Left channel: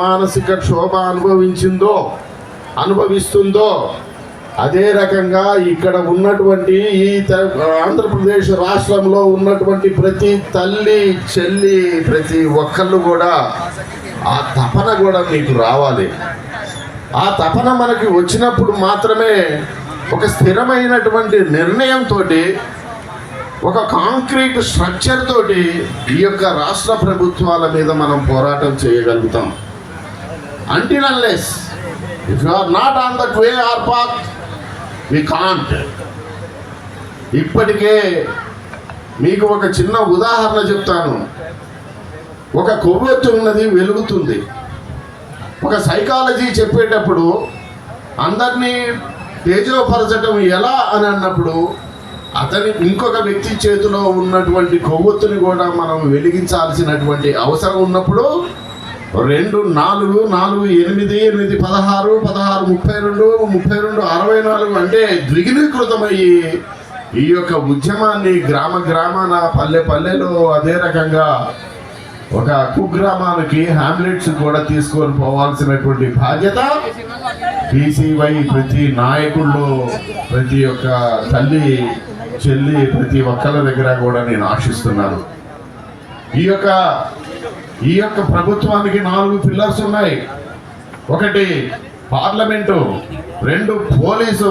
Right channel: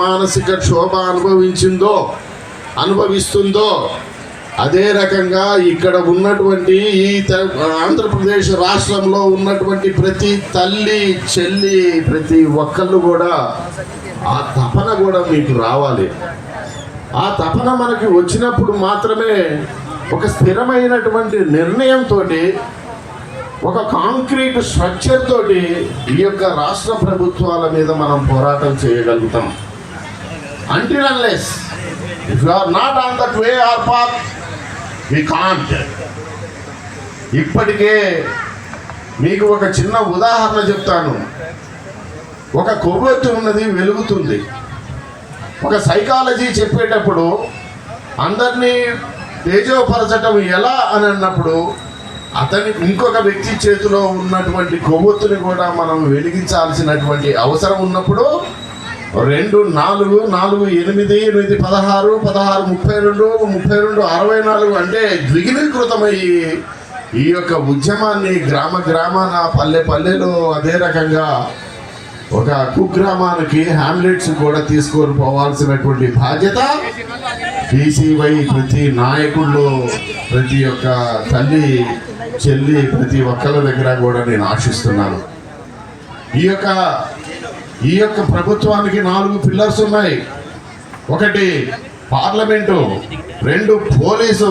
మానసిక క్షోభ అనుభవిస్తుందో అదే రకంగా ఇక్కడ ఉన్నటువంటి ఈ ఆంధ్రప్రదేశ్ రాష్ట్రంలో ఉన్నటువంటి ప్రతి తల్లి చెల్లి ప్రతి ఒక్కళ్ళు కూడా ఆ తపన కూడా మీకు రావాలి. ఆ తపన మనకి వచ్చినప్పుడు మాత్రమే ఒక స్థిరమైనటువంటి నిర్ణయంతో, ఒక కాంక్రీట్ స్ట్రక్చర్ తోటి ఈ యొక్క రాష్ట్ర ప్రభుత్వాల మీద మనం పోరాటం చేయగలుగుతాం. Until unless if you are not on that way or path we can't. ఇప్పటికే మీకు ఒక చిన్న ఉదాహరణ చెప్తాను. ఒక కొవ్వొత్తి ఉన్నది, వెలుగుతుంది. ఒక సైకాలజీ చెప్పేటప్పుడు అందరినీ తేజోపరచటం ఎలా అని అన్నప్పుడు అతని ఇంకొక వ్యక్తి చేతిలో ఉన్నటువంటి కొవ్వొత్తుని కూడా మనం వెలిగించాల్సినటువంటి అవసరం ఉన్నప్పుడు 2, 4, 4, 8, 8, 16, 16, 32, 32, 64 అంటే ద్విగుణీకృతమయ్యి ఈ యొక్క ఉద్యమాన్ని గ్రామాన పల్లెలో అదే రకంగా ఒక కుగ్రామానికి హ్యామ్లెట్స్ కూడా తీసుకొని పోవాల్సినటువంటి బాధ్యత బీసీవై ప్రతి నాయకుల్లో, ప్రతి ఒక్క తల్లి చెల్లి ప్రతి ఒక్కళ్ళ దగ్గర కూడా నేను ఆశిస్తున్నాను. ఈ యొక్క ప్రభుత్వానికి 4 పిల్లర్స్ ఉన్నాయి. 1 పార్లమెంటు, 2 పోలీసు,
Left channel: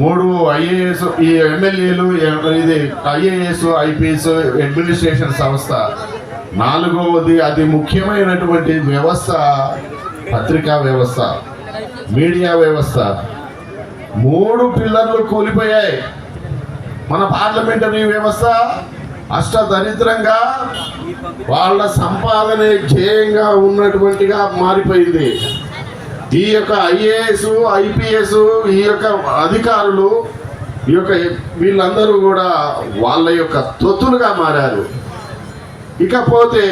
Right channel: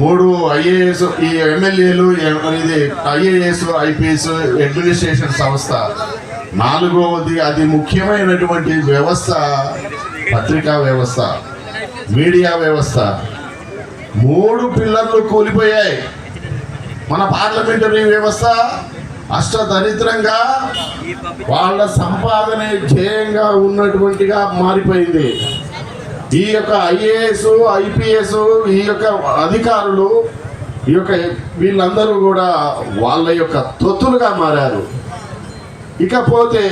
3 ఐఏఎస్, ఈ ఎమ్మెల్యేలు, ఇది ఐఏఎస్ ఐపీఎస్ అడ్మినిస్ట్రేషన్ సంస్థ, 4వది అతి ముఖ్యమైనటువంటి వ్యవస్థ పత్రికా వ్యవస్థ, మీడియా వ్యవస్థ. 3 పిల్లర్లు కూలిపోయాయి. మన పార్లమెంటరీ వ్యవస్థ అష్టదరిద్రంగా వాళ్ళ సంపాదనే ధ్యేయంగా ఉన్నటువంటిగా మారిపోయింది. ఈ యొక్క ఐఏఎస్ ఐపీఎస్ ఈ యొక్క అధికారులు వీళ్ళందరూ కూడా వాళ్ళ యొక్క తొత్తులుగా మారారు. ఇకపోతే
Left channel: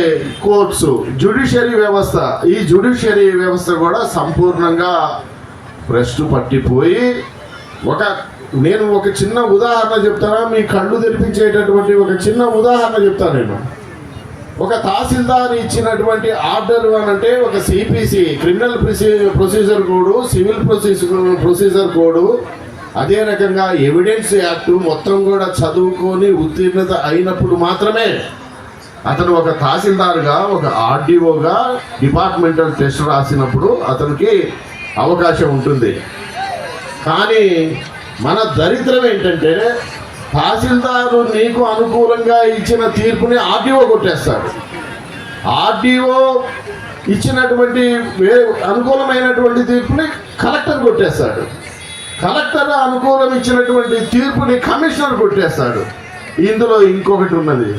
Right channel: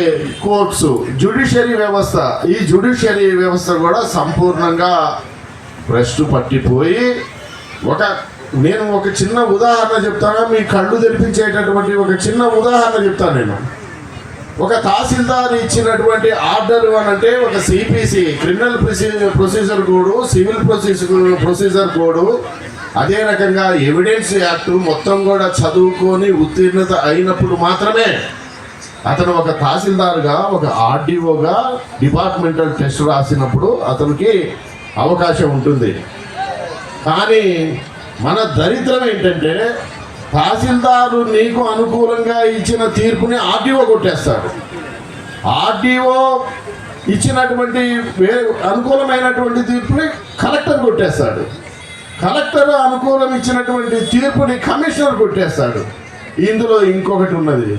కోర్ట్స్, జ్యుడిషియరీ వ్యవస్థ, ఈ జ్యుడిషియరీ వ్యవస్థ కూడా సంపూర్ణంగా భ్రష్టు పట్టిపోయి నేను ఒక చిన్న ఉదాహరణ చెప్తాను. మీ కళ్ళు తెరిపించేటటువంటి ఒక చిన్న ఉదాహరణ చెప్తాను. నేను ఒక తహసీల్దార్ ఇచ్చినటువంటి ఆర్డర్ అంటే ఒక CPC criminal procedure code, civil procedure code, అదే రకంగా ఎవిడెన్స్ యాక్ట్ మొత్తం కూడా చదువుకొని ఉత్తీర్ణత అయినప్పుడు మాత్రమే అతను ఒక తహసీల్దార్గా, ఒక ఆర్డీఓగా డిపార్ట్మెంటల్ టెస్ట్ రాసినప్పుడు అతనికి అవకాశం ఉంటుంది. కానీ మన దరిద్రం ఏంటంటే తహసీల్దారు నీకు అనుకూలంగా ఇచ్చిన తీర్పుని ఆర్డీఓ కొట్టేస్తాడు. ఆర్డీఓ ఇచ్చినటువంటి అనుకూలమైనటువంటి తీర్పుని కలెక్టర్ కొట్టేస్తాడు. కలెక్టర్ అనుకూలం ఇచ్చినటువంటి తీర్పుని కమిషనర్ కొట్టేస్తాడు. ఇందులో ఇంకొకటి ఉన్నది.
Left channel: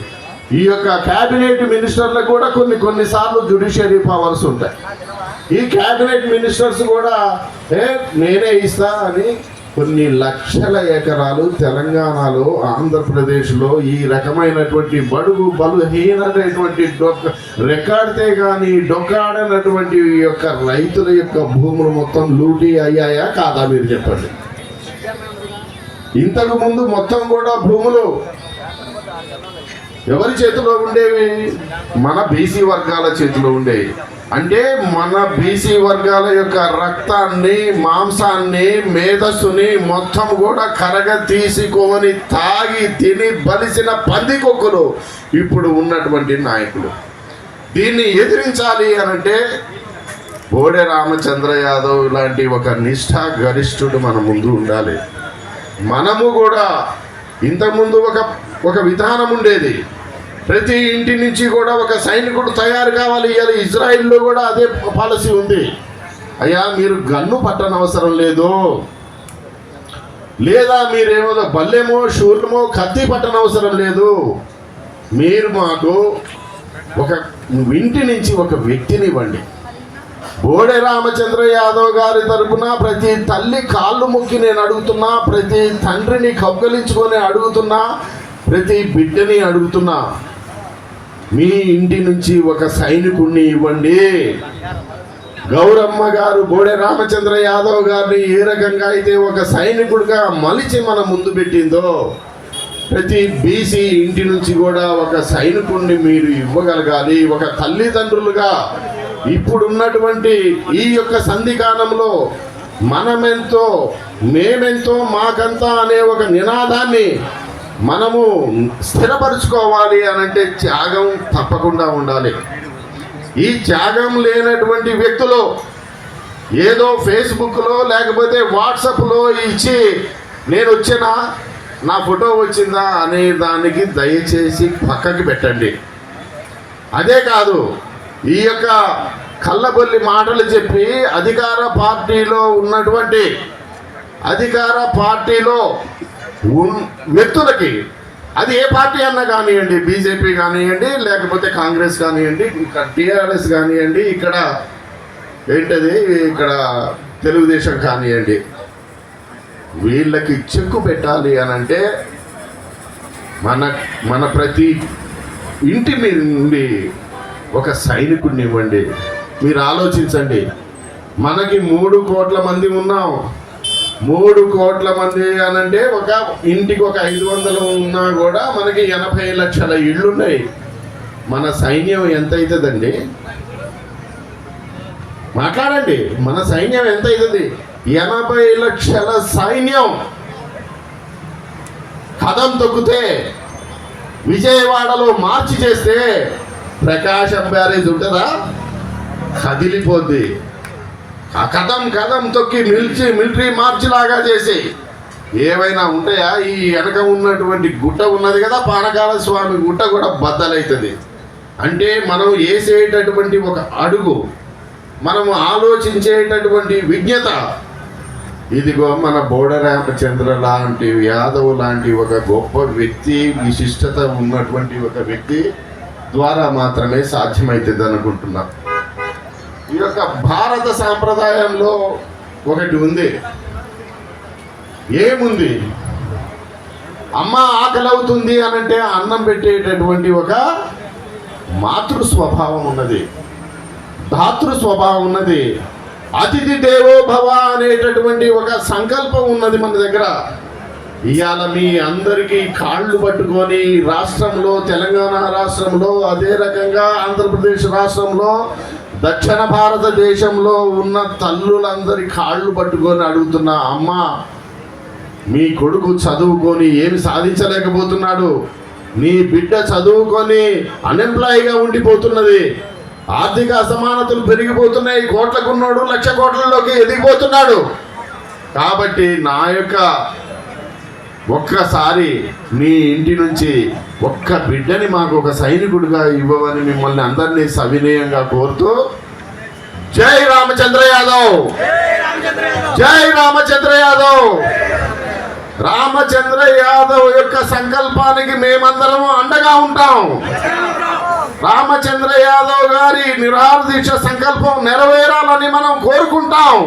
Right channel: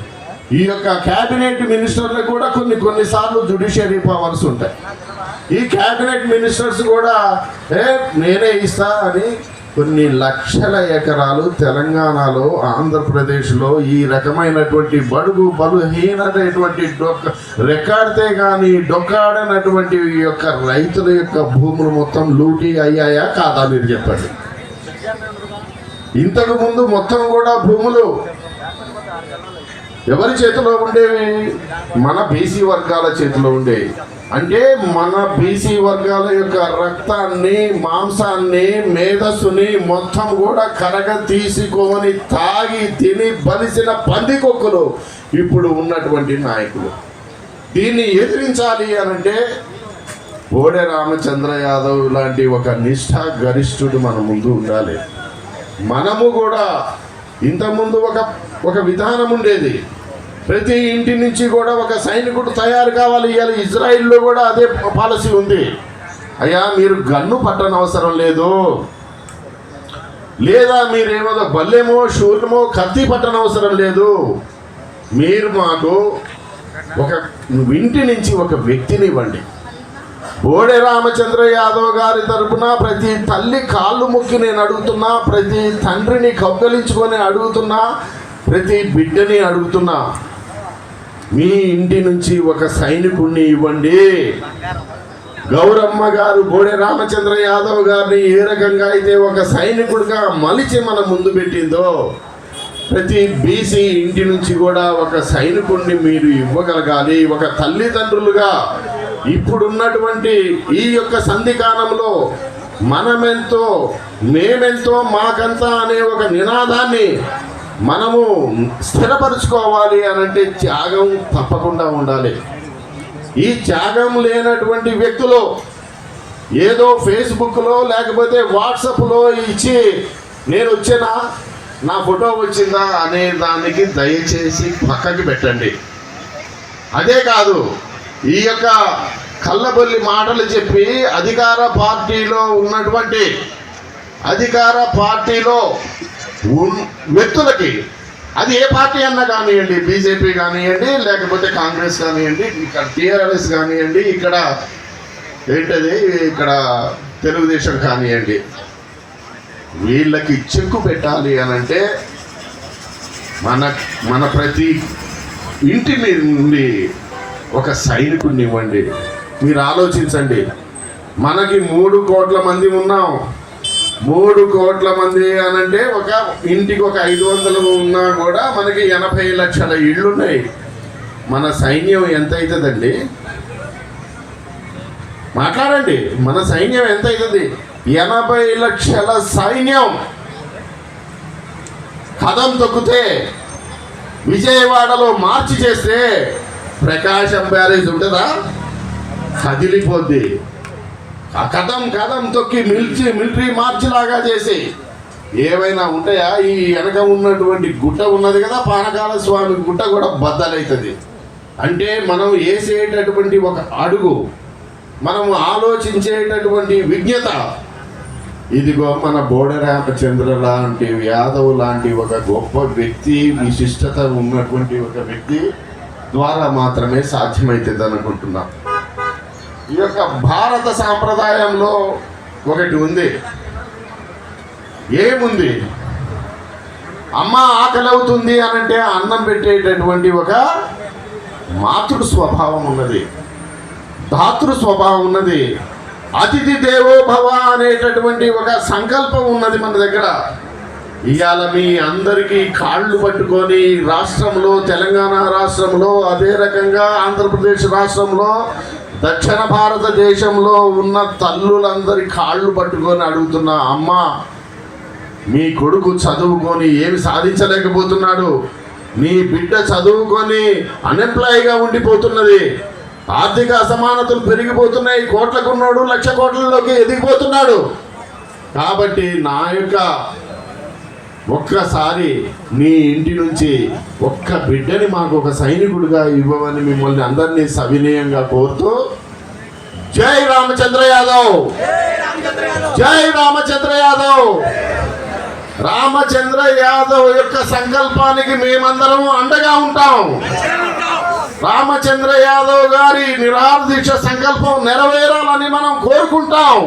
ఈ యొక్క క్యాబినెట్ మినిస్టర్లకు కూడా కొన్నిసార్లు జ్యుడిషియరీ పవర్స్ ఉంటాయి. ఈ క్యాబినెట్ మినిస్టర్స్ కూడా నేనే ఇస్తా అని కొన్ని లక్షల ఎకరాలు తెలంగాణలో, ఆంధ్రప్రదేశ్లో ఈ రకమైనటువంటి బడుగు బలహీనటువంటి రెక్కాడితే కానీ డొక్కాడనటువంటి ఈ యొక్క రైతుల యొక్క భూములు మొత్తం లూటీ అయ్యాయా కాదా మీరు చెప్పండి. ఇంతకు ముందు మొత్తం కూడా భూములు ఎవరి చేతిలో ఉండేవి? మన బీసీ వర్గాల చేతిలో ఉండేవి. అంటే మన బీసీ వర్గాల యొక్క రక్తాన్ని, మాంసాన్ని, మేధస్సుని మొత్తం కూడా కరగ తీసుకొని తాగి తిని బలిసిన పందికొక్కులు ఇప్పుడు ఉన్నటువంటి నాయకులు. దీన్ని ఎదిరించాలి అనంటే బోడే రామచంద్ర యాదవ్ లాంటి ఒక నిష్ఠా గరిష్ఠుడు మన ముందు ఉండాలి. మనము కూడా ఇంతకుముందు ఒక విధానం ఉండేది. ప్రతి ఇంటి నుంచి కూడా ఒక సైనికుడు తయారు కావాలి. ఇవాళ ఇజ్రాయిల్లో కూడా అదే పాలసీ ఉంది. అయ్యా మీరు గన్ను పట్టనవసరం లేదు, లేదా మీరేమో బల్లెమో శూర్ణమో కత్తి పట్టనవసరం లేదు. మీరు మాకు ఒక ఇంటి నుంచి ఒక వ్యక్తిని ఇవ్వండి. బోడే రామచంద్ర యాదవ్ గారి తరపున ప్రతి తల్లి కాళ్ళు మొక్కి నేను అడుగుతున్నా, ప్రతి తండ్రిని కౌగలించుకొని అడుగుతున్నా, ప్రతి బిడ్డని అడుగుతున్నా, మీ ఇంటి నుంచి ఒక సైనికుడిని ఇవ్వండి. గౌరమ్మ గారు బోడే రామచంద్ర యాదవ్ గారిని ఏ రకంగా అయితే ఒక సైనికుడిగా మలిచి మన ముందు పెట్టిందో, ప్రతి బీసీ ఇంటి నుంచి కూడా ఒక సైనికుడిని మీరు ఇవ్వగలగాలి. ఒక తల్లిదండ్రులుగా ఇప్పుడున్నటువంటి ఈ యొక్క సంధికాలంలో మనమెంతో మేమెంతో మాకంతా అనే ఒక నినాదాన్ని మనము స్థిరపరచుకోవాలి అనంటే త్యాగం తప్పకుండా ఉండాలి. ఈ త్యాగం లేనటువంటి వ్యక్తులు ఏదో ఫేస్బుక్లో లేకపోతే వాట్సాప్లో ఇచ్చి నేను వచ్చినా నా ఫోటో వచ్చిందా అనే దానికి దయచేసి పక్కకి పెట్టండి. అదే కాదు, ఈ యొక్క కళ్ళబొల్లి మాటలు చెప్పి అధికార పార్టీలో వ్యక్తులకి, అది ఏ పార్టీ అన్నా కానివ్వండి, బీజేపీ కానివ్వండి, లేకపోతే కాంగ్రెస్ కానివ్వండి, ఇక్కడ టీఆర్ఎస్ కానివ్వండి, ఇక్కడ తెలుగుదేశం కానివ్వండి, వీళ్ళకి చెక్కు పెట్టాలి అని అంటే మన ప్రతి ఇంటి మీద నుండి ఒక సైనికుడిని ఇవ్వండి. మీరు ఆలోచించండి, మనకి 3 కోట్ల మంది ఉన్నాం. 3 కోట్ల మంది అనంటే ఒక ఇంటికి ఒక 500 ఉన్నా కూడా మనకి 80 లక్షల ఇళ్ళున్నాయి. మన సైన్యం ఎంత అవుతుందండి? మాట్లాడండి, మన సైన్యం ఎంత అవుతుంది? 80 లక్షల సైన్యం కదం తొక్కితే, విజయవాడలో మార్చి చేస్తే ప్రకాశం బ్యారేజ్ ఉంటుందా? కదిలిపోద్ది. కదం తొక్కి మిలిటరీ మార్చి లాగా చేసి ఏమైనా ఉంటాయా? ఈ వెనక ఉన్నటువంటి గుట్ట ఉన్నది కదా, పానకాల స్వామి గుట్ట కూడా బద్దలవుతుంది. అంటే మనం వేసేటటువంటి ఒక అడుగు, మనం ఆలోచించేటటువంటి విజ్ఞత, ఇదిగో మన బోడ రామచంద్ర లాంటి, యాదవ్ లాంటి ఒక గొప్ప వ్యక్తి, విశిష్టత ఉన్నటువంటి ఒక వ్యక్తి ద్వారా మాత్రమే సాధ్యమవుతుంది అనుకుంటున్నాం. ఈ యొక్క భారత సాంప్రదాయంలో ఒకటి ఉంది. ఏముంది? అమ్మ ఆకలి అవుతుంది అనంటే అన్నం పెట్టేటటువంటి ఒక మాతృ స్వభావం ఉన్నది, ధాతృ స్వభావం ఉన్నది, అతిథి దేవో భవ అనేటటువంటి ఒక సంకల్పం ఉన్నది మన దగ్గర. ఇవాళ మీ అందరికీ కాళ్ళు పట్టుకొని రాష్ట్రంలో, తెలంగాణ రాష్ట్రంలో, అదే రకంగా ఆంధ్రప్రదేశ్ రాష్ట్రంలో, దక్షిణ భారతదేశంలో ఉన్న తల్లులందరి కాళ్ళు పట్టుకొని అడుగుతున్న, అమ్మ మీ కొడుకు చదువుకొని ఏమి సాధించలేకపోతున్నాడు, నీ బిడ్డ చదువుకొని అన్ఎంప్లాయీగా ఉండిపోతున్నది, ఆర్థిక అసమానతలు పెరిగిపోతున్నాయి, కోట్లకున్నాడు 1,00,000 కోట్లలోకి ఎదిగిపోతున్నాడు. కాబట్టి నా యొక్క ఒక్కసారి మీ ఇంటి నుంచి ఒక్క బిడ్డని మాకు ఒక సైనికుడిగా ఇవ్వమని మిమ్మల్ని అందరినీ సవినయంగా కోరుతూ, జై రామచంద్ర యాదవ్, జై రామచంద్ర యాదవ్. రామచంద్ర యాదవ్ యొక్క సంకల్పానికి మేమందరము అండగా ఉంటాం. రామచంద్ర యాదవ్ గారి నిరాహార దీక్ష సంకల్పం నెరవేరాలని మనం కోరుకుంటాం.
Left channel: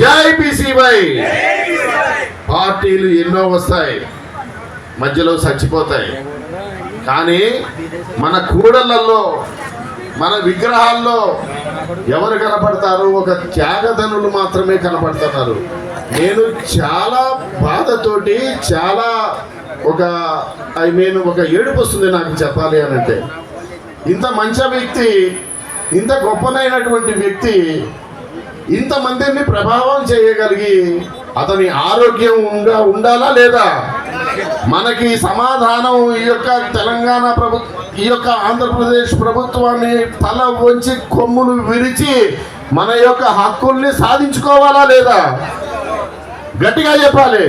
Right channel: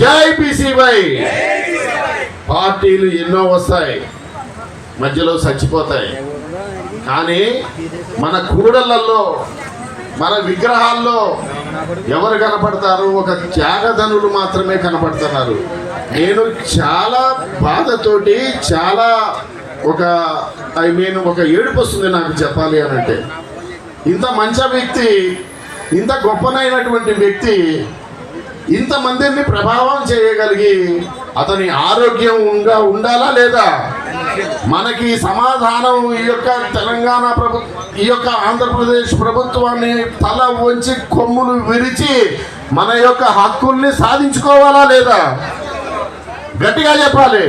జై బీసీవై. పార్టీలు ఎన్నో వస్తాయి, మధ్యలో చచ్చిపోతాయి, కానీ మన కూడళ్లలో, మన విగ్రహాల్లో ఎవరు కనపడతారు? ఒక త్యాగధనులు మాత్రమే కనపడుతున్నారు. నేను చాలా బాధతోటి, చాలా ఒక ఏడుపు వస్తుంది నాకు చెప్పాలి అనంటే. ఇంత మంచి వ్యక్తి, ఇంత గొప్పనైనటువంటి వ్యక్తి ఇంతమందిని ప్రభావం చేయగలిగి అతని ఆరోగ్యంగా ఉండాలా లేదా? మనకి సమాధానం ఈ యొక్క తెలంగాణ ఈ యొక్క ఆంధ్రప్రదేశ్ ప్రభుత్వాన్ని తల వంచి కొమ్ములు విరిచి మన యొక్క హక్కుల్ని సాధించుకోవాలా లేదా? గట్టిగా చెప్పాలి.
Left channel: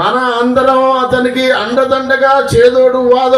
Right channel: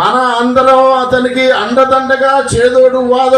మన అందరం అతనికి అండదండగా, చేదోడు వాదోడు